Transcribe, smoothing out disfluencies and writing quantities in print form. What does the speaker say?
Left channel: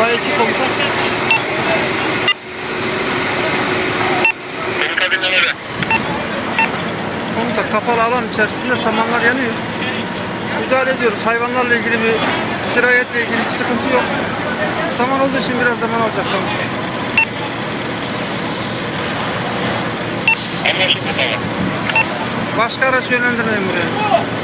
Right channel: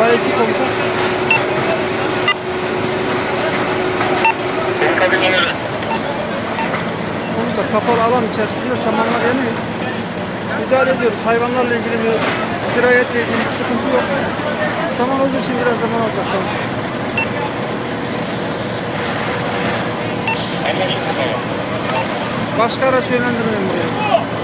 Bayılcı komutan. Komutan, kapalı alan içerisinde samanlar yanıyor. Mücadele ediyoruz. Hayvanlarla ilgili bir, sirayetle ilgili bir sıkıntı yok. Saman olduğu için biraz zaman alacak komutan. Başka araç yönlendirmeyin buraya.